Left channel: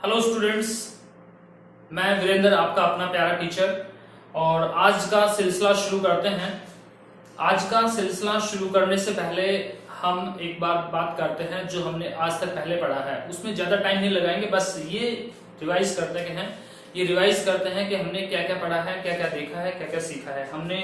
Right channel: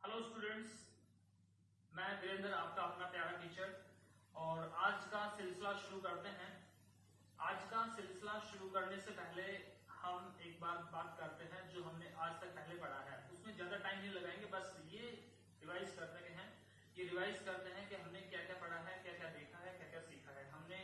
Hello students, मैं वीरेंद्र आपका अपना प्यारा टीचर। और आज का सिलसिला शुरू करते हैं। आज का सिलसिला शुरू करने से पहले हम एक बार बात करते हैं जो हमने आज तक पहले पढ़ा है। उसमें ज़्यादा टाइम नहीं लगाएंगे, बस ये रिवाइज करते हैं कि हमने क्या क्या पढ़ा है, क्या क्या देखा है, क्या क्या सीखा है। हमने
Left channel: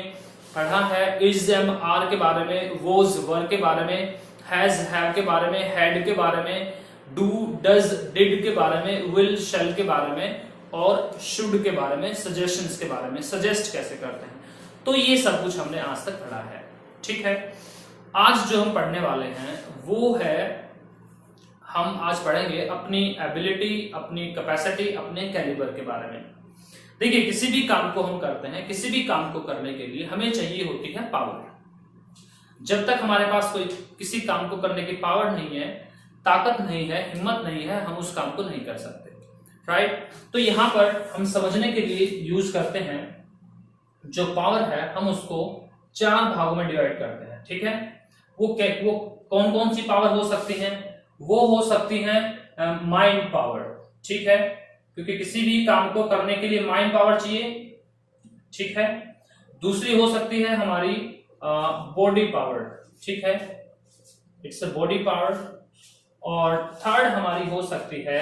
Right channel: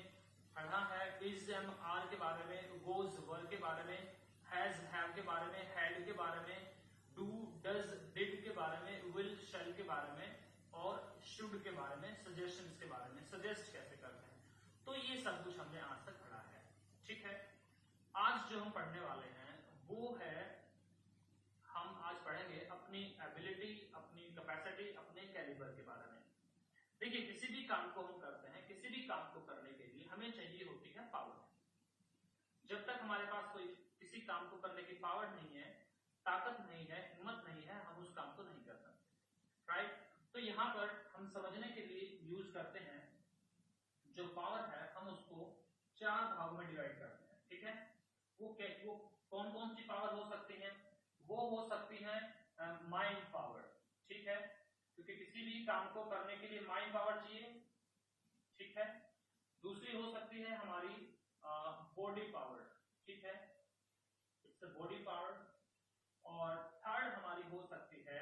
पढ़ा है इज एम आर के बारे में, वोज वर के बारे में, हैज हैव के बारे में, हैड के बारे में, डू डज डिड के बारे में, विल शैल के बारे में और शुड के बारे में, सजेशंस के बारे में, सजेस्ट कैसे करते हैं। तो ये सब कुछ हमने आज तक पढ़ा है। ठीक है, आज जो हम पढ़ने वाले हैं वो है, हम आज पढ़ेंगे अपनी एबिलिटी, अपनी कैपेसिटी, अपने कैलिबर के बारे में। देखिए, किसी भी काम को हम करते हैं, किसी भी काम को करने के लिए हमें चाहिए होती है पावर। जब तक हमारे पास कोई किसी काम को करने की पावर नहीं है, ताकत नहीं है, हिम्मत नहीं है, हम उस काम को नहीं कर सकते। राइट? तो यहां पर हम समझने के लिए यूज करते हैं, जो पावर है हम उसको 4 भागों में डिवाइड करते हैं। ठीक है, वो कौन कौन सी पावर हो सकती है? वो हो सकती है माइंड पावर। ठीक है, क्योंकि किसी भी काम को करने के लिए माइंड पावर चाहिए। ठीक है, दूसरी हो सकती है हमारी बॉडी पावर। ठीक है, इट्स अ बॉडी पावर। और थर्ड हमारी हो सकती है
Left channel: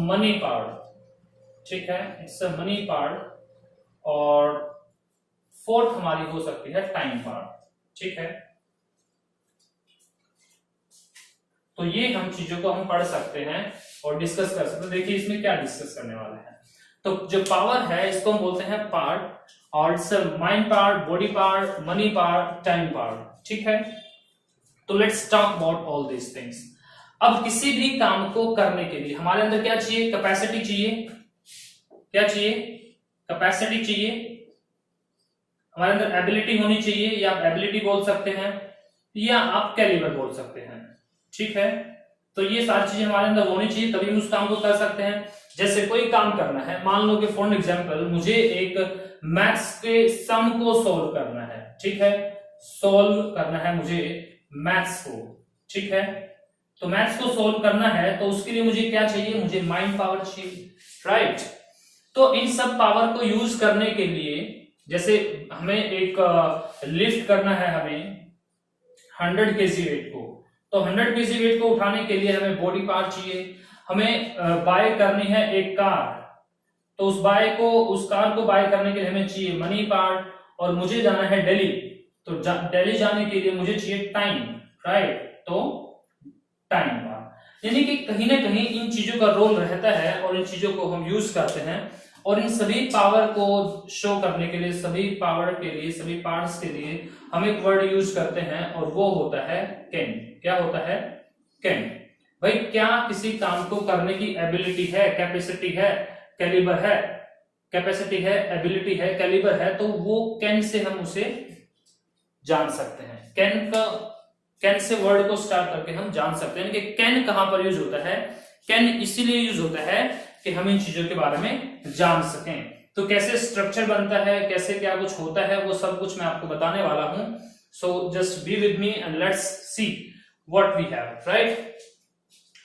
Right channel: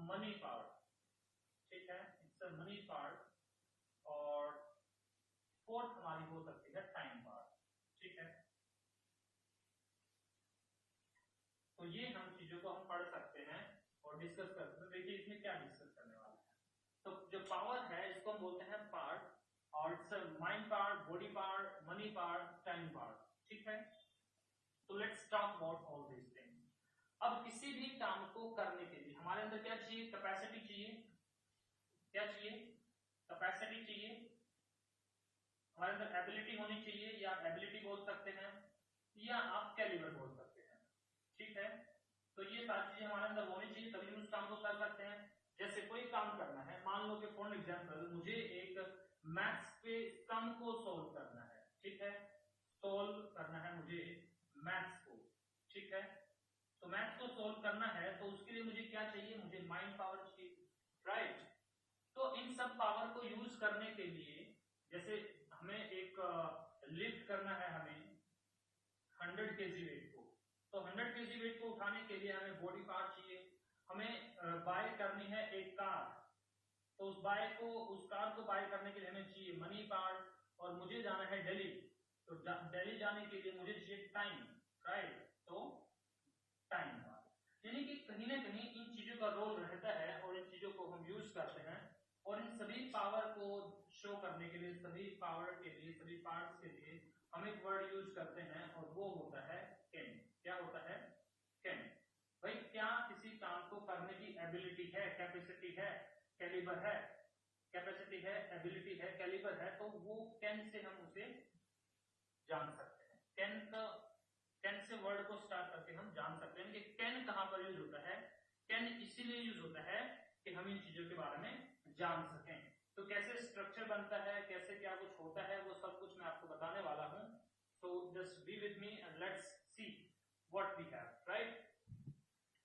मनी पावर। ठीक है, इट्स अ मनी पावर। और फोर्थ हमारी हो सकती है टाइम पावर। ठीक है, तो ये हम चीजों को हम पढ़ सकते हैं और डिस्कस कर सकते हैं। देखिए इसमें क्या डिस्कस करने वाले हैं। तो जो पावर है इसको हम बोलते हैं पार्ट, और it's mind power, body power, money power, time power. ठीक है, तो let's talk about all these things. अब किसी भी काम को करने के लिए हमारे अंदर क्या चाहिए? कैपेसिटी चाहिए। क्या चाहिए? कैपेसिटी चाहिए। हमारे अंदर एबिलिटी होनी चाहिए, या आप एबिलिटी बोल सकते हैं या आप कैलिबर बोल सकते हैं। ठीक है, तो ये सारी चीजें हमारे अंदर होनी चाहिए, तभी हम उस काम को कर सकते हैं। जैसे कोई काम करना है, मान लो कि फॉर एग्जांपल मुझे एक मैथ्स के सम को सोल्व करना है। ठीक है, सोल्व करना है मुझे मैथ्स को। ठीक है, तो मैथ्स को सोल्व करना है तो उसके लिए मुझे क्या चाहिए? मुझे माइंड पावर चाहिए। राइट? तो इन सब पावर को यूज करने के लिए, जैसे हमें एक लिफ्ट करना है, हमें 100 kg वेट को, तो 100 kg वेट को उठाने के लिए हमें बॉडी पावर चाहिए। हमें बाय करनी है एक कार, तो उस कार को बाय करने के लिए हमें चाहिए मनी पावर। और मुझे जाना है दिल्ली, तो दिल्ली जाने के लिए मुझे चाहिए टाइम। राइट? तो टाइम पावर। यानी कि कहीं ना कहीं इन चीजों का रोल रहता है और इन चीजों को हम यूज करते हैं। और इन सभी पावर को शो करने के लिए, सभी पावर के लिए, सभी पार्ट्स के लिए हम एक वर्ड यूज करते हैं और वो होता है कैन। क्या होता है? कैन। भाई, क्या किसी काम को करने की एबिलिटी है, कैपेसिटी है, कैलिबर है? कैपेसिटी है, एबिलिटी है, कैलिबर है, तो वो कैन से हम उसे जान सकते हैं। कैन से वर्ड को स्टार्ट करके हम जान सकते हैं कि कैन कहां पर यूज होता है। कैन इसीलिए यूज होता है कि हम इन चीजों के बारे में जान सकें। तो कैसे स्ट्रक्चर बनता है, कैसे क्या कुछ होता है, वो सब कुछ मैं आपको बताने वाला हूं। So just be with me and let's see what we have. Right?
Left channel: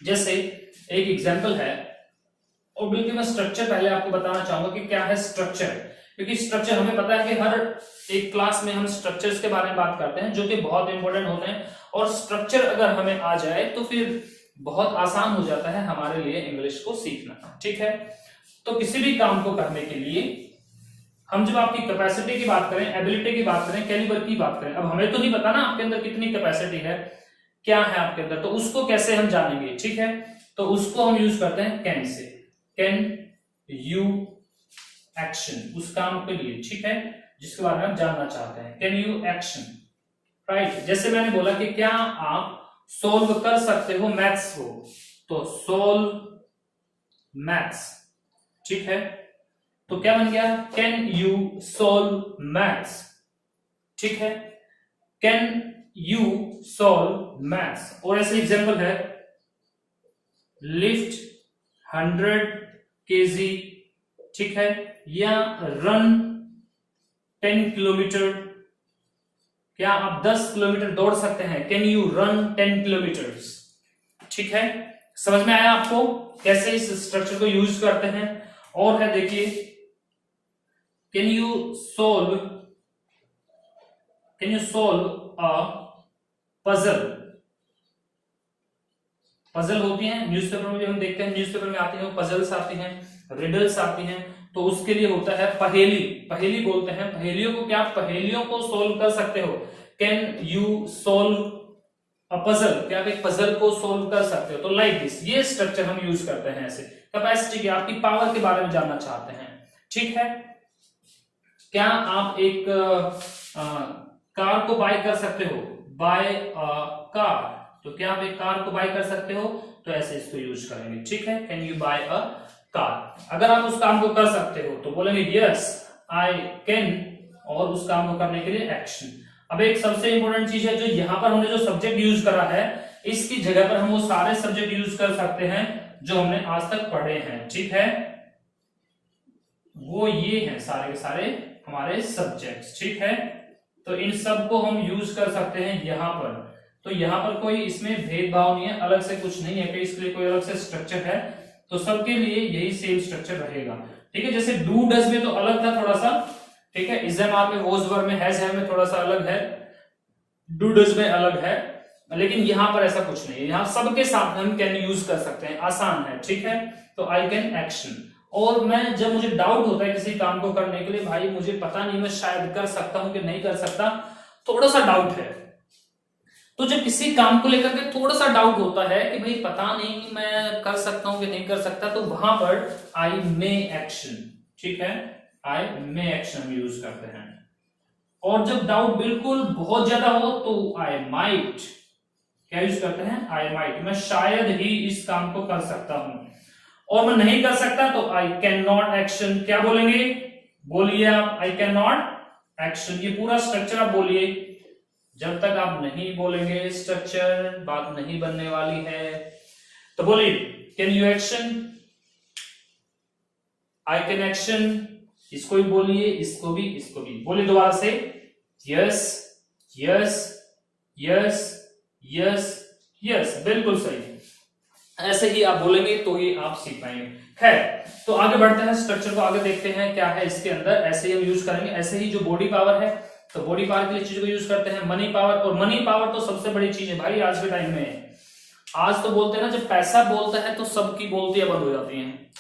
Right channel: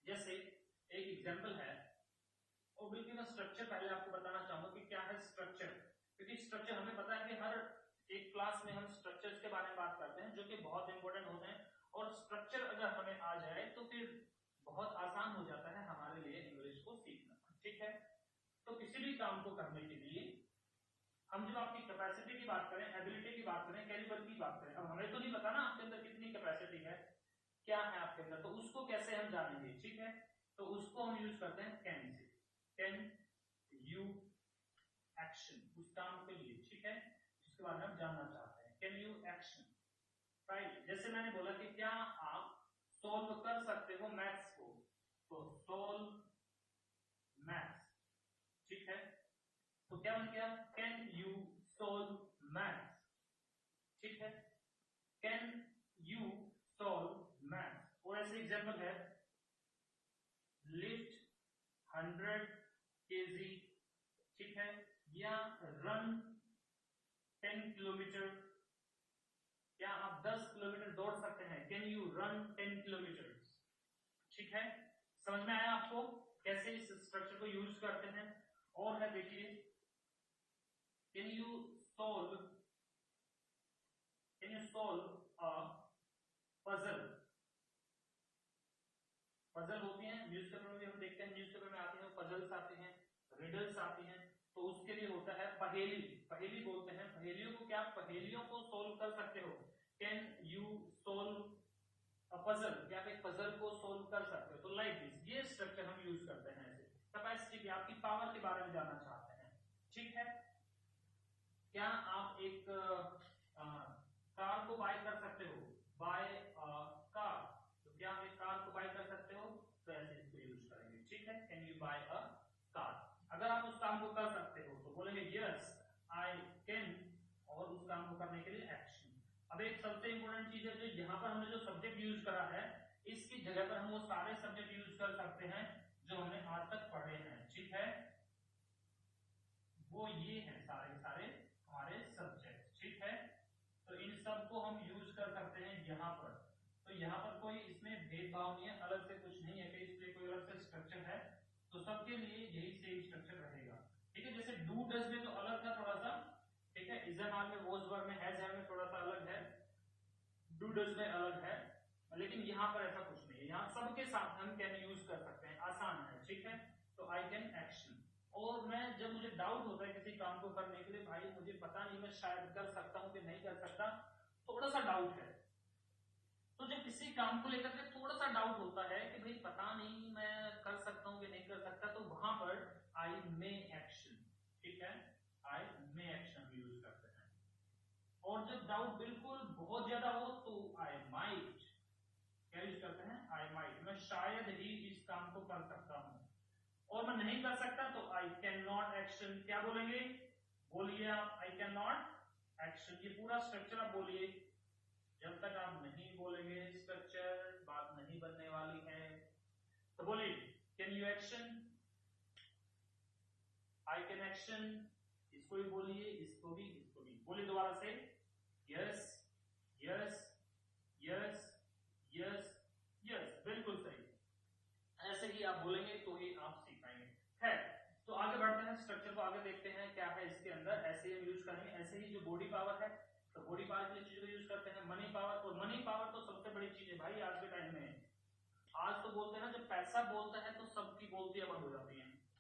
जैसे एक एग्जांपल है, और बिल्कुल मैं स्ट्रक्चर पहले आपको बताना चाहूंगा कि क्या है स्ट्रक्चर। क्योंकि स्ट्रक्चर हमें पता है कि हर एक क्लास में हम स्ट्रक्चर्स के बारे में बात करते हैं, जो कि बहुत इंपॉर्टेंट होते हैं। और स्ट्रक्चर अगर हमें आ जाए तो फिर बहुत आसान हो जाता है हमारे लिए इंग्लिश को सीखना। ठीक है, तो किसी भी काम को करने के लिए हम जब आपकी कैपेसिटी की बात करें, एबिलिटी की बात करें, कैलिबर की बात करें, अब हमें तो नहीं पता ना आपके अंदर कितनी कैपेसिटी है, क्या है आपके अंदर, तो उसको कैसे हम जानेंगे? ठीक है, तो उसको हम यूज करते हैं can say. Can you action, उस काम के लिए। ठीक है, जिसके बारे में हम जानना चाहते हैं। Can you action. राइट? जैसे मैंने बोला कि क्या आप सोल्व कर सकते हो मैथ्स को, तो सोल्व मैथ्स। ठीक है, तो क्या बन गया? Can you solve maths. ठीक है, कैन यू सोल्व मैथ्स। और ऐसे एग्जांपल है, लिफ्ट 100 kg। ठीक है, या रन 10 किलोमीटर। क्या आप 10 किलोमीटर दौड़ सकते हैं? Can you run 10 kilometres. ठीक है, समझ में आया आपको कैसे इस स्ट्रक्चर को यूज करते हैं? और है देखिए, can you solve a puzzle. Puzzle होती है न्यूज़पेपर में भी हम देखते हैं, न्यूज़पेपर में आती है पजल्स आती हैं, रिडल्स आती हैं, तो उसके लिए होता है पहेली। पहेली बोलते हैं पहेलियों को, क्या पहेलियों को सोल्व कर सकते हो? Can you solve a puzzle, क्या आप एक पजल को सोल्व कर सकते हो? तो लाइक दिस, ये स्ट्रक्चर हम यूज करते हैं ऐसे। कैपेसिटी की, आपकी पावर के बारे में जानना चाहते हैं, ठीक है? क्या आप एक कार को बाय कर सकते हो? बाय कार, तो क्या आप एक कार को बाय कर सकते हो? तो ऐसे इसको यूज करेंगे, ठीक है? Can you buy a car. अगर आप उस काम को कर सकते हो तो बोलेंगे यस आई कैन, और उस काम को करने के लिए एक्शन। अब एक सबसे इंपॉर्टेंट चीज है, जो यहाँ पर हमने जो सब्जेक्ट यूज करा है, इसकी जगह पर हम वो सारे सब्जेक्ट यूज कर सकते हैं जो हमने आज तक पढ़े हैं, ठीक है? वो ये हैं सारे के सारे हमारे सब्जेक्ट्स, ठीक है? तो इन सब को हम यूज कर सकते हैं यहाँ पर। तो यहाँ पर कोई इसमें भेदभाव नहीं है, अलग से कुछ नहीं है कि इसके लिए कोई अलग से स्ट्रक्चर है, तो सबके लिए यही सेम स्ट्रक्चर रहेगा, ठीक है? जैसे डू डज में तो अलग था थोड़ा सा, ठीक है? इज एम आर में, वॉज वर में, हैज हैव में थोड़ा सा अलग है, डू डज में अलग है, लेकिन यहाँ पर ऐसा कुछ नहीं है। यहाँ सबके साथ हम कैन यूज कर सकते हैं, आसान है, ठीक है? तो आई कैन एक्शन। और मैं जब मुझे डाउट होता है किसी काम को करने के लिए, भाई मुझे पता नहीं मैं शायद कर सकता हूं कि नहीं कर सकता, थोड़ा सा डाउट है, तो जब किसी काम को लेकर के थोड़ा सा डाउट होता है कि भाई पता नहीं मैं कर सकता हूं कि नहीं कर सकता, तो वहां पर आई मे एक्शन, ठीक है? आई मे एक्शन यूज करते हैं। और जब डाउट बिल्कुल बहुत ज्यादा हो तो आई माइट, क्या यूज करते हैं? आई माइट, मैं शायद ही इस काम को कर सकता हूं। और मैं नहीं कर सकता तो आई कैन नॉट एक्शन। क्या बोलेंगे? बोलिए आप, आई कैन नॉट एक्शन। ये पूरा स्ट्रक्चर आप बोलिए। जब तक आप नहीं बोलेंगे स्ट्रक्चर, बात नहीं बनने वाली है। तो बोलिए, can you action, I can action. इसको भी बोलिए, इसको भी, इसको भी बोलिए दोबारा से। Yes yes yes yes yes, बिल्कुल सही। ऐसे ही आप बोलेंगे तो ये आप सीख पाएंगे। खैर, तो आगे बढ़ते हैं, स्ट्रक्चर को आगे देखते हैं क्या है इसके अंदर। ऐसे ही हम यूज करेंगे। ऐसे ही जो बॉडी पावर है, तो बॉडी पावर के लिए चीज को यूज करते हैं मनी पावर। और मनी पावर तो सबसे बड़ी चीज है भाई आज के टाइम में। आज तो बोलते हैं ना, जब पैसा बोलता है तो सबकी बोलतियां बंद हो जाती हैं,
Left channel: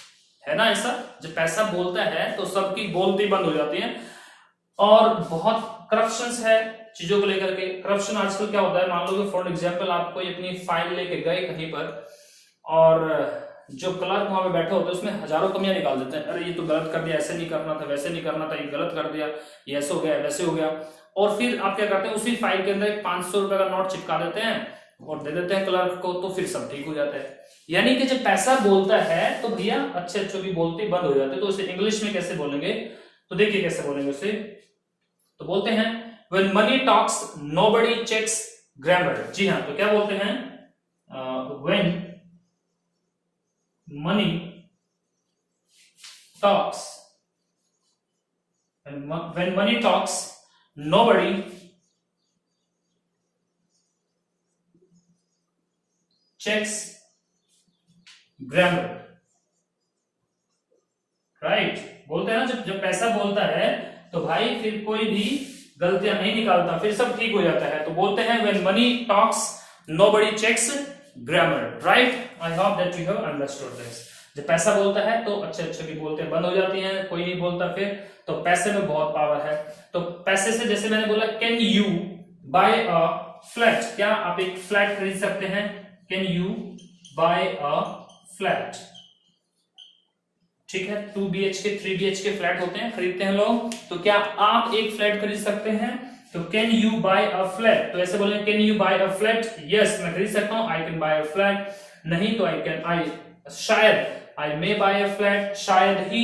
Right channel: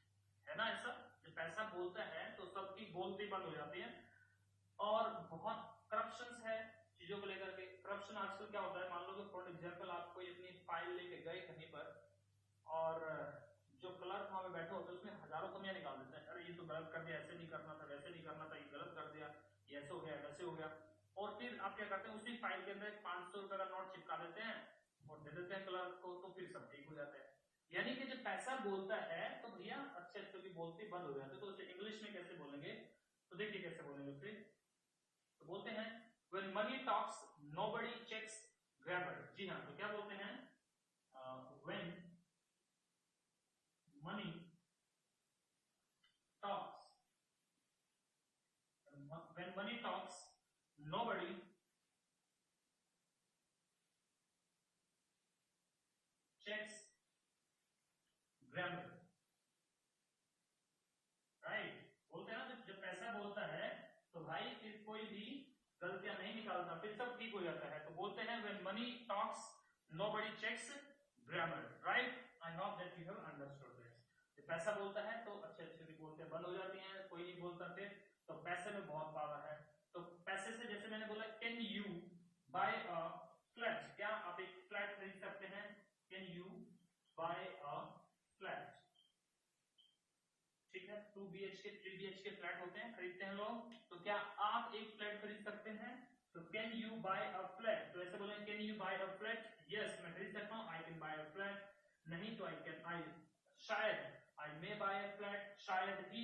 है ना? ऐसा जब पैसा बोलता है तो सबकी बोलती बंद हो जाती है। और बहुत करप्शन है चीजों को लेकर के। करप्शन आजकल क्या होता है, मान लो कि फॉर एग्जाम्पल आप कोई अपनी फाइल लेके गए कहीं पर, और जो क्लर्क वहां पे बैठे होते हैं उसमें हजारों कमियां निकाल देते हैं। अरे ये तो गलत कर दिया, ऐसे नहीं करना था, वैसे नहीं करना था, ये गलत कर दिया, ये ऐसे हो गया, वैसे हो गया। और फिर आप क्या करते हैं, उसी फाइल के अंदर एक 500 रुपए का नोट चिपका देते हैं और दे देते हैं क्लर्क को, तो फिर सब ठीक हो जाता है। यानी कि जब पैसा बोलता है तो भैया अच्छे अच्छे की बोलती बंद हो जाती है। तो उसे इंग्लिश में कैसे बोलेंगे, तो देखिए कैसे बोलेंगे उसे। तो बोलते हैं when money talks nobody checks grammar। जी हाँ, तो क्या बोलते हैं, when money talks, when money talks nobody checks grammar, right? बोलते हैं ना, जब पैसा बोलता है तो भाई फिर कोई भी गलतियां नहीं निकालता, फिर सब ठीक हो जाता है। तो बोलते हैं when money talks nobody checks grammar, right? I hope that you have understood this। जब पैसा बोलता है तो अच्छे अच्छे की बोलते बंद हो जाती हैं, कोई नहीं बोलता फिर। तो पैसे में बहुत पावर है। तो पैसे से, जैसे मैंने बोला, can you buy a flat, क्या आप एक फ्लैट खरीद सकते हैं? Can you buy a flat, ठीक है? 2 BHK 3 BHK फ्लैट होते हैं, खरीदते हैं लोग। तो क्या आप एक फ्लैट खरीद सकते हैं? तो can you buy a flat, तो ऐसे बोले can you buy a flat. Yes, मैं खरीद सकता हूं, I can buy a flat. नहीं तो आई शायद, आई मे बाय अ फ्लैट, शायद ही,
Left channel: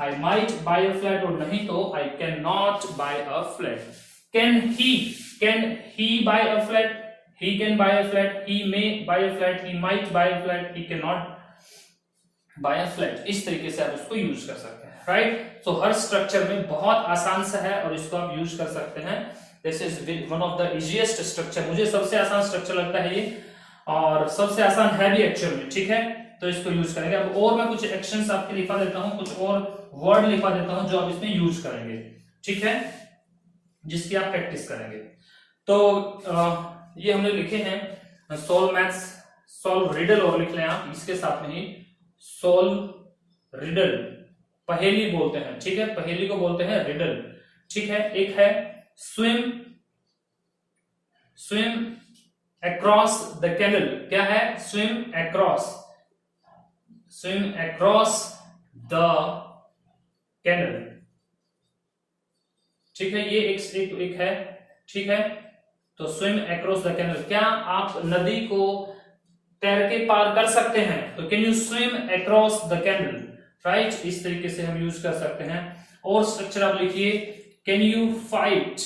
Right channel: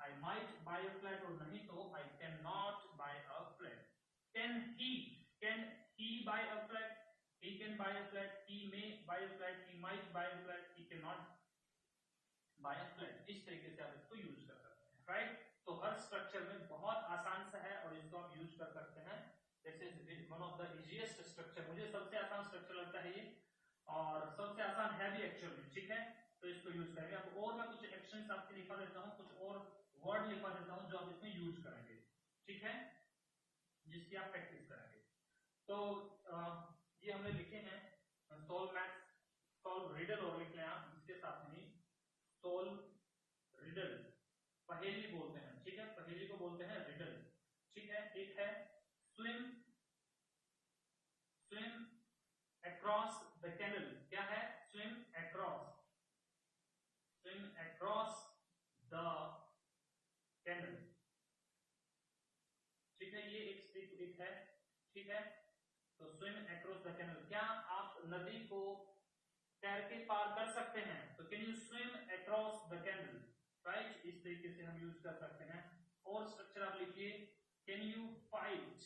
I might buy a flat, और नहीं तो I can not buy a flat. Can he buy a flat, he can buy a flat, he may buy a flat, he might buy a flat, he can not buy a flat. इस तरीके से आप इसको use कर सकते हैं, right? तो हर structure में बहुत आसान सा है और इसको आप यूज कर सकते हैं। This is one of the easiest structure, मुझे सबसे आसान स्ट्रक्चर लगता है ये। और सबसे आसान है भी एक्चुअल में, ठीक है। तो इसको यूज करेंगे। अब और मैं कुछ एक्शंस आपके लिखा देता हूं, कुछ और वर्ड लिखा देता हूं जो आप इसमें यूज करेंगे, ठीक है, जिसकी आप प्रैक्टिस करेंगे। तो ये हमने लिखे हैं सोल्व मैथ्स, सोल्व रिडल, और लिख लें आप इसके साथ में ही सोल्व रिडल, पहेली बोलते हैं, ठीक है, पहेली को बोलते हैं रिडल, ठीक है। एक है swim, swim across the canal, क्या है, swim across, swim across the canal, ठीक है, ये एक है, ठीक है। तो स्विम अक्रॉस द कैनल, क्या आप नदी को तैर के पार कर सकते हैं, तो can you swim across the canal, right, इस तरीके से हम यूज कर सकते हैं। और स्ट्रक्चर आप लिखिए, कैन यू फाइट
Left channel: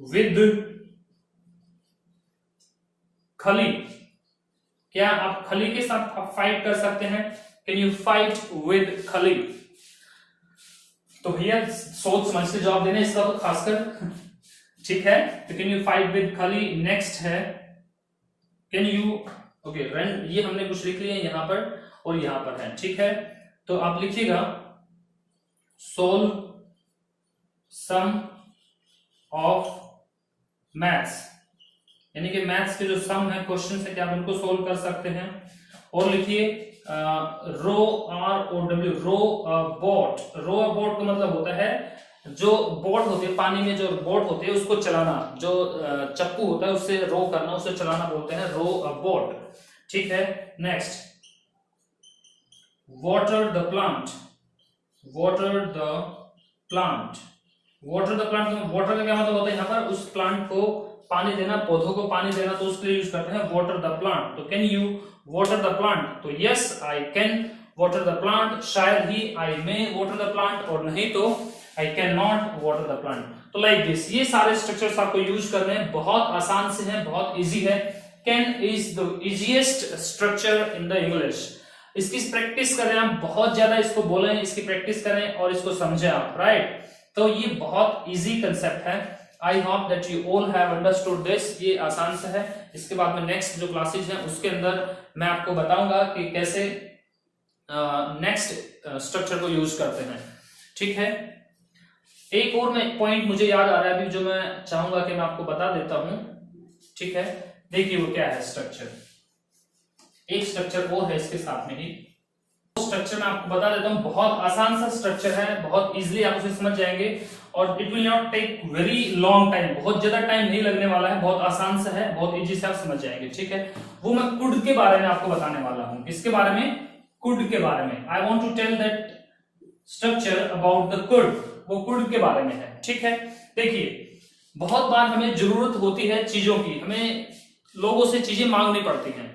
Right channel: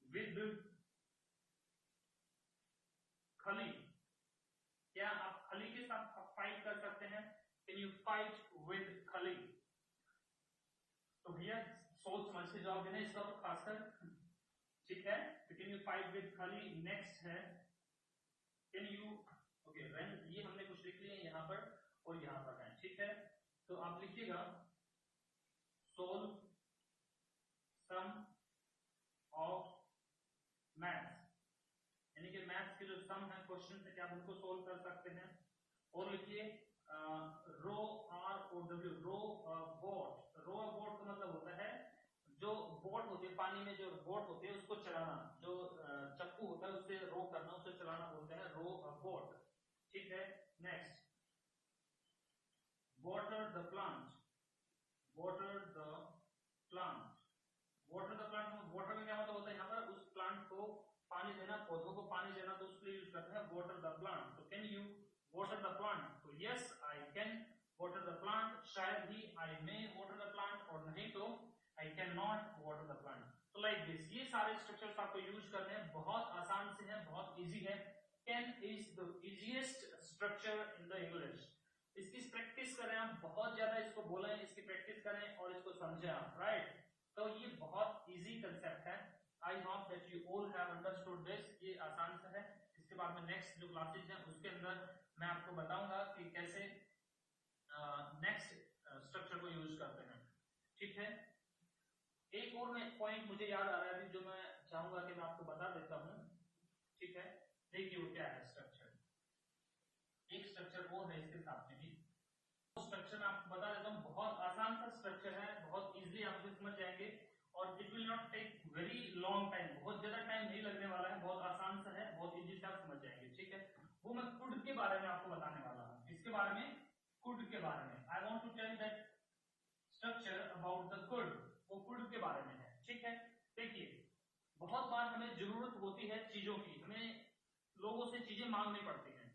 विद खली, क्या आप खली के साथ आप फाइट कर सकते हैं, कैन यू फाइट विद खली। तो भैया सोच समझ के जवाब देना इसका तो खासकर, ठीक है। तो कैन यू फाइट विद खली। नेक्स्ट है कैन यू, ओके रन, ये हमने कुछ लिख लिए यहां पर और यहां पर है, ठीक है। तो आप लिखिएगा सोल्व सम ऑफ मैथ्स, यानी कि मैथ्स के जो सम है, क्वेश्चन है, क्या आप उनको सोल्व कर सकते हैं। और लिखिए रो R O W, ro boat, ro boat का मतलब होता है जो बोट होती है पानी में, जो बोट होती है उसको चलाना, जो चप्पू होता है उससे रो करना, उससे चलाना बोलते हैं रो बोट, ठीक है। Next water the plant, water the plant, water the plant, water का क्या मतलब होता है यहाँ पर, उस प्लांट को पानी देना, पौधों को पानी देना, तो उसके लिए यूज करते हैं वाटर द प्लांट। तो can you water the plant, तो yes I can water the plant, शायद ही I may water the plant, और नहीं तो I can not water the plant. तो लाइक दिस, ये सारे स्ट्रक्चर्स आपको यूज करने हैं, बहुत आसान से हैं, बहुत इजी है। Can is the easiest structure in the English. इसकी प्रैक्टिस करें आप, बहुत ज्यादा इसको बोलें, इसकी प्रैक्टिस करें और इसको समझें आप, राइट। तो ये बहुत इजी कंसेप्ट है। आई hope that you all have understood this, ये आसान से है। इसके बाद में नेक्स्ट जो क्लासेज हैं उसके अंदर मैं आपको बताऊंगा कि कैसे नेक्स्ट स्ट्रक्चर को यूज करते हैं, ठीक है। एक और मैं पॉइंट मुझे याद आ रहा है अभी, जो मैं चाहूंगा कि मैं आपको बता देता हूं, ठीक है। देखिए वो क्या है स्ट्रक्चर, एक स्ट्रक्चर और है इसके साथ में ही, स्ट्रक्चर मैं आपको बता देता हूं, बहुत आसान सा स्ट्रक्चर है, बहुत इजीली आप उसे समझ जाएंगे, और it will not take very long time, बहुत ज्यादा टाइम नहीं लगने वाला है, बहुत आसान से है, बहुत इजी से आप समझ जाएंगे, ठीक है। वो मैं कुड के बारे में आपको बताने वाला हूं। किसके बारे में, कुड के बारे में। I want to tell that structure about the could, वो कुड के बारे में है, ठीक है। देखिए बहुत बार हमें जरूरत होती है चीजों की, हमें लोगों से चीजें मांगनी पड़ती हैं।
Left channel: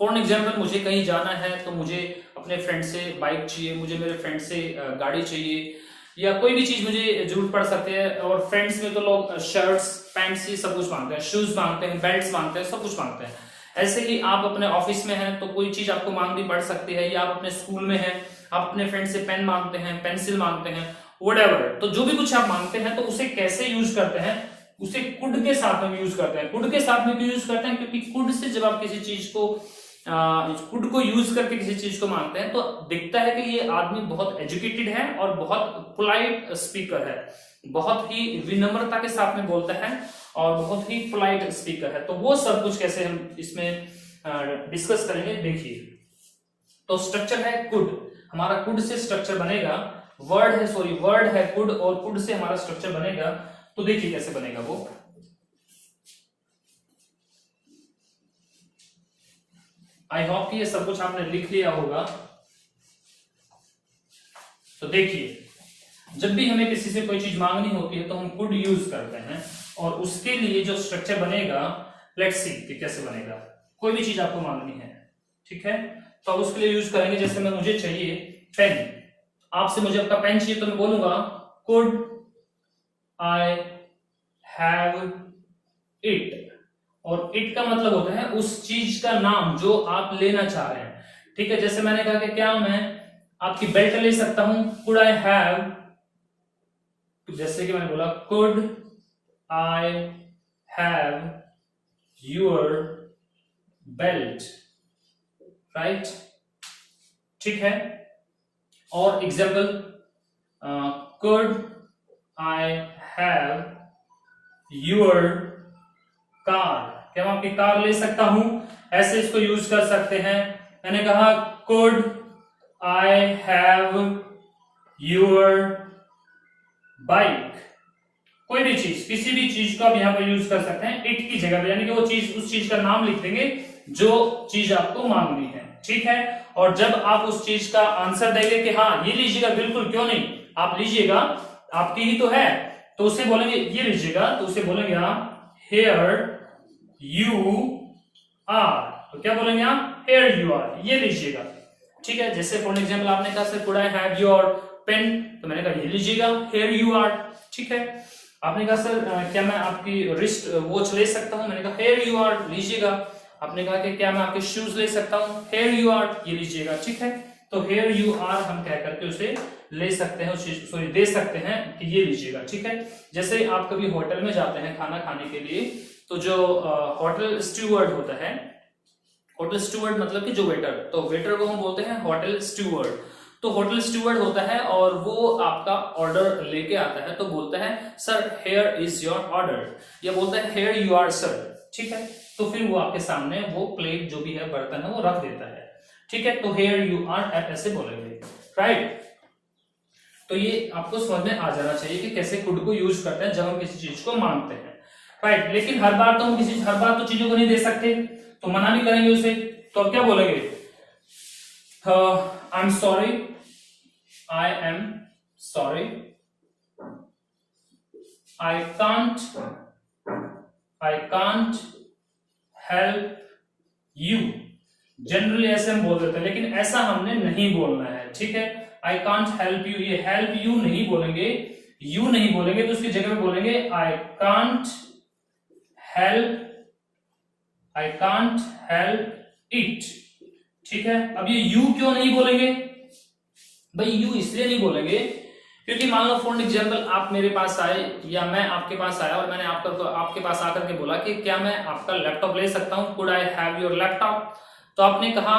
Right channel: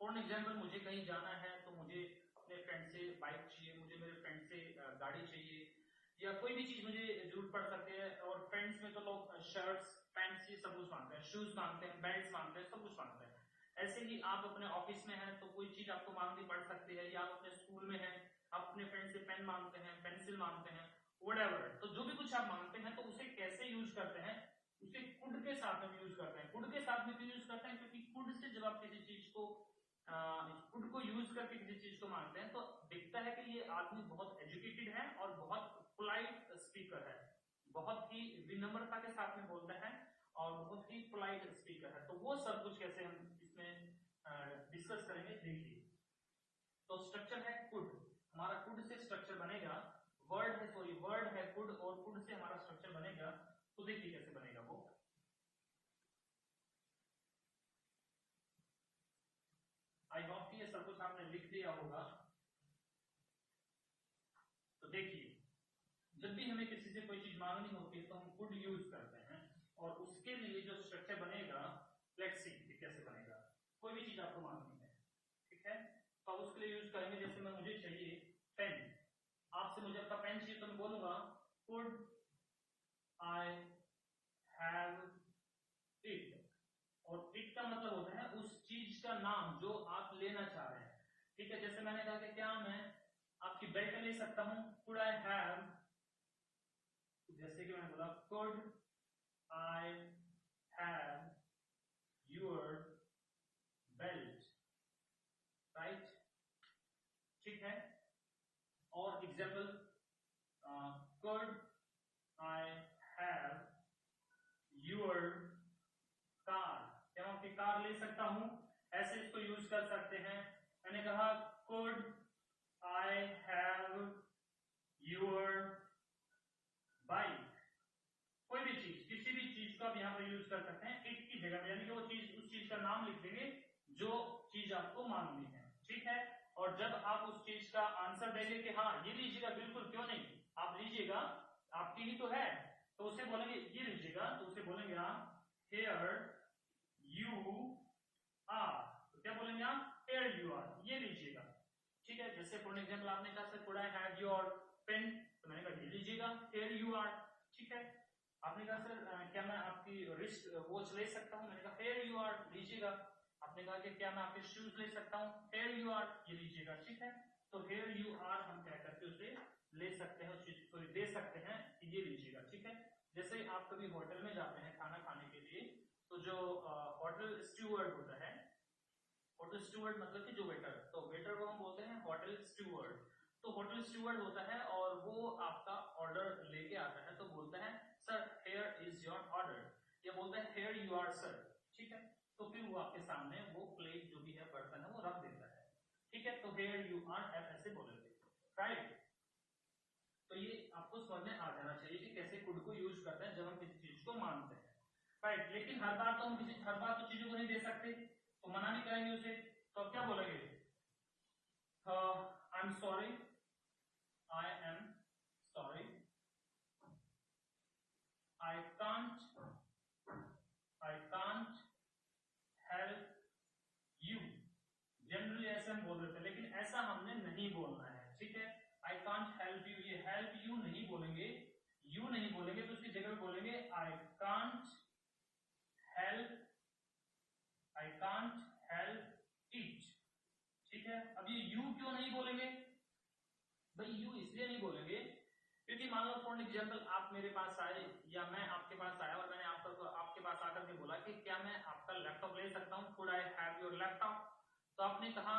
फॉर एग्जाम्पल मुझे कहीं जाना है तो मुझे अपने फ्रेंड से बाइक चाहिए, मुझे मेरे फ्रेंड से गाड़ी चाहिए, या कोई भी चीज मुझे जरूरत पड़ सकती है। और फ्रेंड्स में तो लोग शर्ट्स पैंट्स ये सब कुछ मांगते हैं, शूज मांगते हैं, बेल्ट्स मांगते हैं, सब कुछ मांगते हैं। ऐसे ही आप अपने ऑफिस में हैं तो कोई चीज आपको मांगनी पड़ सकती है, या आप अपने स्कूल में हैं, आप अपने फ्रेंड से पेन मांगते हैं, पेंसिल मांगते हैं, व्हाटएवर। तो जो भी कुछ आप मांगते हैं तो उसे कैसे यूज करते हैं, उसे कुड के साथ में यूज करते हैं। कुड के साथ में क्यों यूज करते हैं, क्योंकि कुड से जब आप किसी चीज को कुड को यूज करके किसी चीज को मांगते हैं तो दिखता है कि ये आदमी बहुत एजुकेटेड है और बहुत पोलाइट स्पीकर है, बहुत ही विनम्रता के साथ में बोलता है और बहुत ही पोलाइट स्पीकर है। तो वो सब कुछ कैसे हम इसमें डिस्कस करेंगे, देखिए। तो स्ट्रक्चर है कुड, हमारा कुड से स्ट्रक्चर बनेगा, वर्ड है कुड, और कुड से हमारा स्ट्रक्चर बनेगा। तो देखिए कैसे बनेगा वो। आई होप कि ये सब कुछ आपने लिख लिया होगा। तो देखिए जब भी हमें किसी से कोई चीज मांगनी होती है तो हम कुड यूज करते हैं, और उसके लिए जो स्ट्रक्चर बनेगा, लेट्स सी कि कैसे बनेगा। कोई भी चीज आपको मांगनी है, ठीक है, तो उसके लिए यूज करेंगे। जैसे मैं मुझे चाहिए पेन, आपसे मुझे आपका पेन चाहिए तो मैं बोलूंगा कुड आई हैव इट, और इट का मतलब होता है उस चीज का नाम जो आप लेना चाह रहे हैं, ठीक है। जैसे मैंने कहा कि क्या मैं आपकी बेल्ट ले सकता हूं, कुड आई हैव, जैसे कि मैंने बोला could I have your belt, right, ठीक है। और example, could I have your car, क्या मैं आपकी कार ले सकता हूं, ऐसे इसको यूज कर सकते हैं। मैंने कहा could I have your bike, कोई भी चीज, किसी भी चीज को आप यहां पर यूज कर सकते हैं इट की जगह पे, यानी कि वो चीज, उस चीज का नाम लिख देंगे जो चीज आपको मांगनी है, ठीक है। और जब आप उस चीज का आंसर देंगे कि हाँ ये लीजिएगा, बिल्कुल क्यों नहीं, आप लीजिएगा, आपकी ही तो है, तो उसे बोलेंगे ये लीजिएगा, तो उसे बोलेंगे आप हेयर यू आर, तो क्या बोलेंगे आप, हेयर यू आर, ये लीजिएगा, ठीक है। जैसे फॉर एग्जाम्पल आपने कहा sir could I have your pen, तो मैंने कहा ये लीजिएगा, हेयर यू आर, ठीक है। आपने कहा सर क्या मैं आपकी रिस्ट वॉच ले सकता हूं, मैंने कहा हेयर यू आर, लीजिएगा। आपने कहा कि क्या मैं आपके शूज ले सकता हूं, हेयर यू आर, ये लीजिएगा, ठीक है। तो हेयर यू आर हम कह करके उसे ले सकते हैं, सॉरी दे सकते हैं कि ये लीजिएगा, ठीक है। जैसे आप कभी होटल में जाते हैं खाना खाने के लिए, तो जो होटल स्टूवर्ड होता है, होटल स्टूवर्ड मतलब कि जो वेटर, तो वेटर को हम बोलते हैं होटल स्टूवर्ड। तो होटल स्टूवर्ड होता है और वो आपका ऑर्डर लेके आता है, तो बोलता है sir here is your order, या बोलता है हेयर यू आर सर, ठीक है। तो फिर वो आपके सामने वो प्लेट जो भी है, बर्तन है, वो रख देता है, ठीक है। तो हेयर यू आर ऐसे बोलेंगे, राइट। तो ये आपको समझ में आ जाना चाहिए कि कैसे कुड को यूज करते हैं जब हम किसी चीज को मांगते हैं, राइट। लेकिन हर बार तो हम हर बार तो चीजों को नहीं दे सकते, तो मना भी करेंगे उसे, तो अब क्या बोलेंगे, I am sorry, I am sorry, I can't help you, generally ऐसे हम बोल देते हैं, लेकिन ऐसा हमने नहीं बोलना है, ठीक है। आई कांट हेल्प यू, ये हेल्प यू नहीं बोलेंगे, यू नहीं बोलेंगे, तो उसकी जगह पे बोलेंगे आई कांट हेल्प इट, ठीक है। अब ये यू क्यों नहीं बोलेंगे भाई, यू इसलिए नहीं बोलेंगे क्योंकि मान लो फॉर एग्जांपल आप मेरे पास आए या मैं आपके पास आया और मैंने आपके पास आकर के बोला कि क्या मैं आपका लैपटॉप ले सकता हूं, could I have your laptop, तो आपने कहा,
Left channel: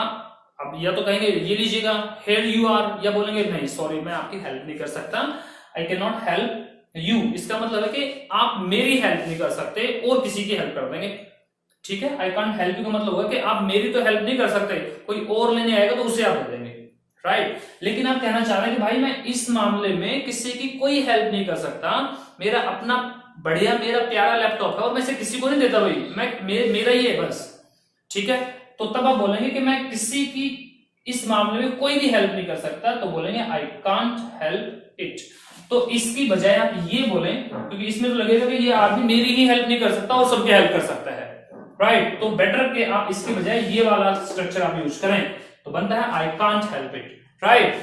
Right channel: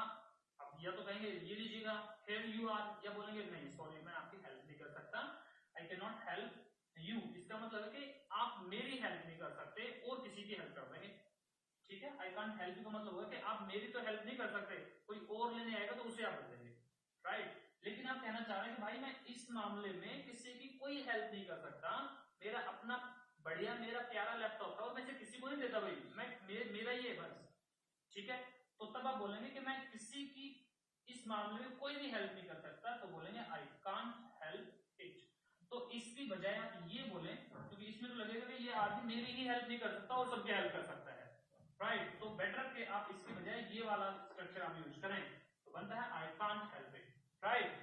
अब या तो कहेंगे ये लीजिएगा, हेयर यू आर, या बोलेंगे नहीं सॉरी मैं आपकी हेल्प नहीं कर सकता, आई कैन नॉट हेल्प यू। इसका मतलब है कि आप मेरी हेल्प नहीं कर सकते और किसी की हेल्प कर देंगे, ठीक है। आई कांट हेल्प यू का मतलब होगा कि आप मेरी तो हेल्प नहीं कर सकते, कोई और लेने आएगा तो उसे आप दे देंगे, राइट। लेकिन आप कहना चाह रहे हैं कि भाई मैं इस मामले में किसी की कोई हेल्प नहीं कर सकता, मेरा अपना बढ़िया मेरा प्यारा लैपटॉप है और मैं इसे किसी को नहीं देता भाई, मेरा ही है बस, ठीक है। तो तब आप बोलेंगे कि मैं किसी की इस मामले में कोई भी हेल्प नहीं कर सकता, तो बोलेंगे आई कांट हेल्प इट। तो इसकी बजाय आप ये बोलें, क्योंकि इसमें तो लगेगा कि ये आदमी मेरी ही हेल्प नहीं कर सकता और सबकी हेल्प कर सकता है, राइट। तो बेटर कि आप इसकी बजाय ये वाला स्ट्रक्चर आप यूज करें, तो बनता है I can't help it, right.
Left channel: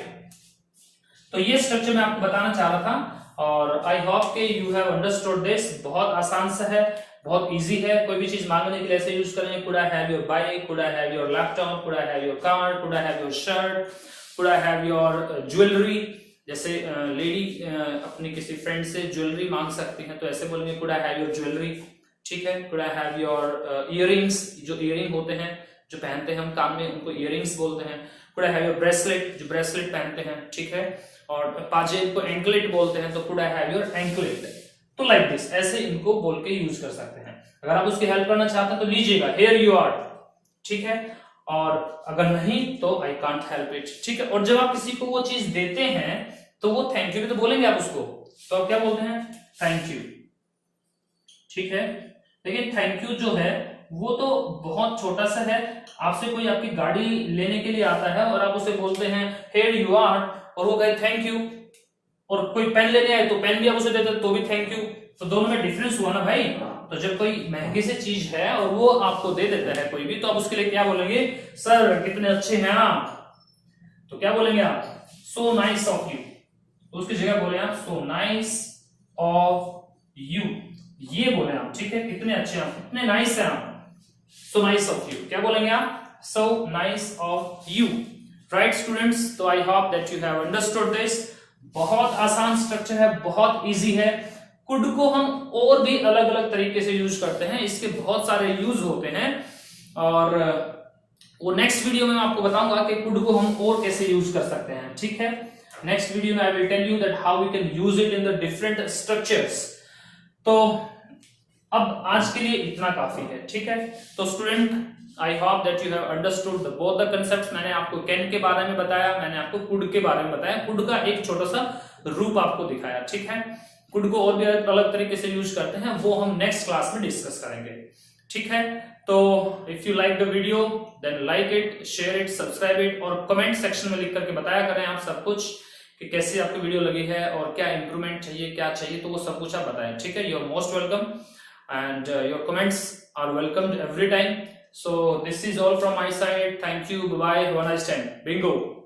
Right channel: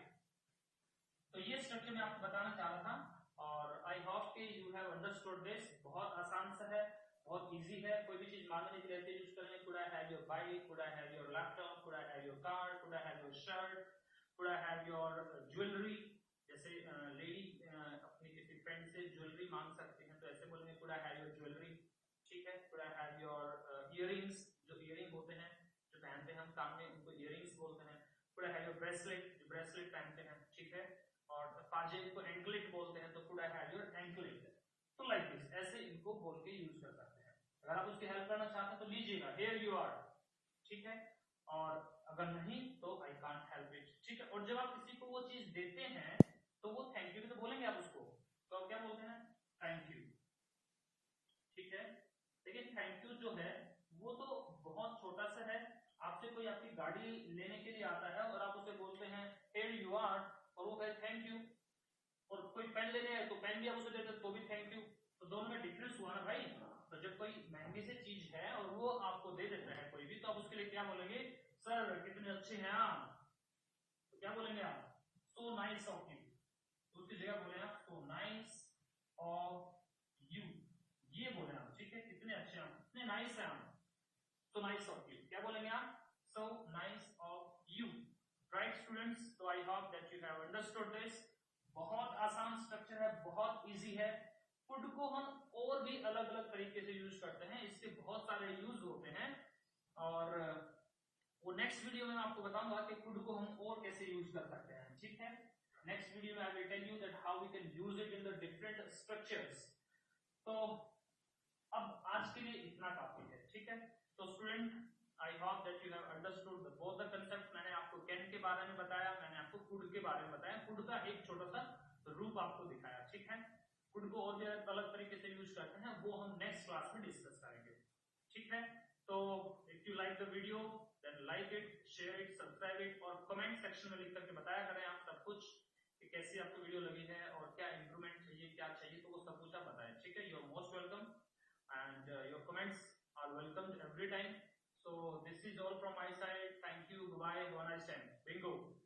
तो ये स्ट्रक्चर मैं आपको बताना चाह रहा था और आई होप के यू हैव अंडरस्टूड दिस। बहुत आसान सा है, बहुत इजी है, कोई भी चीज मांगने के लिए ऐसे यूज करेंगे, could I have your bike, could I have your laptop, could I have your car, could I have your shirt, could I have your jewellery. जैसे लेडी अपनी किसी फ्रेंड से ज्वेलरी मांग सकती है, तो ऐसे बोलेंगे could I have your jewellery, ठीक है। Could I have your earrings, जो इयररिंग होते हैं जो पहनते हैं हम कान में, उनको इयररिंग्स बोलते हैं। Could I have your bracelet, जो ब्रेसलेट पहनते हैं, ठीक है। और पाजे को एंकलेट बोलते हैं, तो could I have your anklet. तो लाइक दिस, ऐसे इनको बोल के यूज कर सकते हैं। अगर आप उसकी हेल्प करना चाहते हैं तो लीजिएगा हेयर यू आर, ठीक है। और अगर नहीं तो आई कांट हेल्प इट, ठीक है। और जब आप किसी को वो चीज देते हैं तो वो थैंक यू भी तो बोलेंगे आप उसको, तो आप क्या बोलते हैं, थैंक यू, ठीक है। लेकिन थैंक यू जो है वो तो बहुत छोटा सा है। आपसे कोई आपकी गाड़ी लेने के लिए आता है और आप उसे बोलते हैं हेयर यू आर और वो कहे थैंक यू, और कोई पेन लेने आए तो पेन भी आप उसे देते तो भी थैंक यू। तो दोनों में डिफरेंस हुआ ना भाई। तो जब कोई महंगी सी चीज है और वो आपको दे देता है कोई भी, तो आप उसके लिए क्या बोलेंगे, सर कितने अच्छे हैं आप, तो क्या बोलेंगे आप, सो नाइस ऑफ यू। तो उसकी जगह बोले आप सो नाइस ऑफ यू, ये बोले आप, ठीक है। कितने अच्छे आप, कितने नाइस हैं आप, सो नाइस ऑफ यू, क्या बोलेंगे आप, so nice of you, right students. तो I hope that you have understood this. बहुत आसान स्ट्रक्चर है, बहुत इजी है। कुड को हम और भी अलग अलग तरीके से यूज करते हैं, इसके बहुत सारे यूज होते हैं। और वो नेक्स्ट वीडियो में मैं आपको बताऊंगा कि कुड को हम और कैसे यूज कर सकते हैं, ठीक है। नेक्स्ट वीडियो में I will tell you that how we can use it in the different structures. तो अब आज के लिए इतना काफी है, ठीक है। तो student, I hope that you have understood both the concepts. मैंने आपको कैन के बारे में बताया, मैंने आपको कुड के बारे में बताया, कुड का एक छोटा सा रूप आपको दिखाया, ठीक है। कुड को और भी अलग तरीके से यूज करते हैं, वो हम नेक्स्ट क्लास में डिस्कस करेंगे, ठीक है। तो if you like the video then like it, share it, subscribe it, और कमेंट सेक्शन में लिख करके बताया करें आप सब कुछ कि कैसी आपको वीडियो लगी है और क्या इंप्रूवमेंट चाहिए, क्या चाहिए, तो वो सब कुछ आप बताएं, ठीक है। You are most welcome and your comments are welcomed every time. So this is all from my side. Thank you. Bye bye. Have a nice time. Bingo.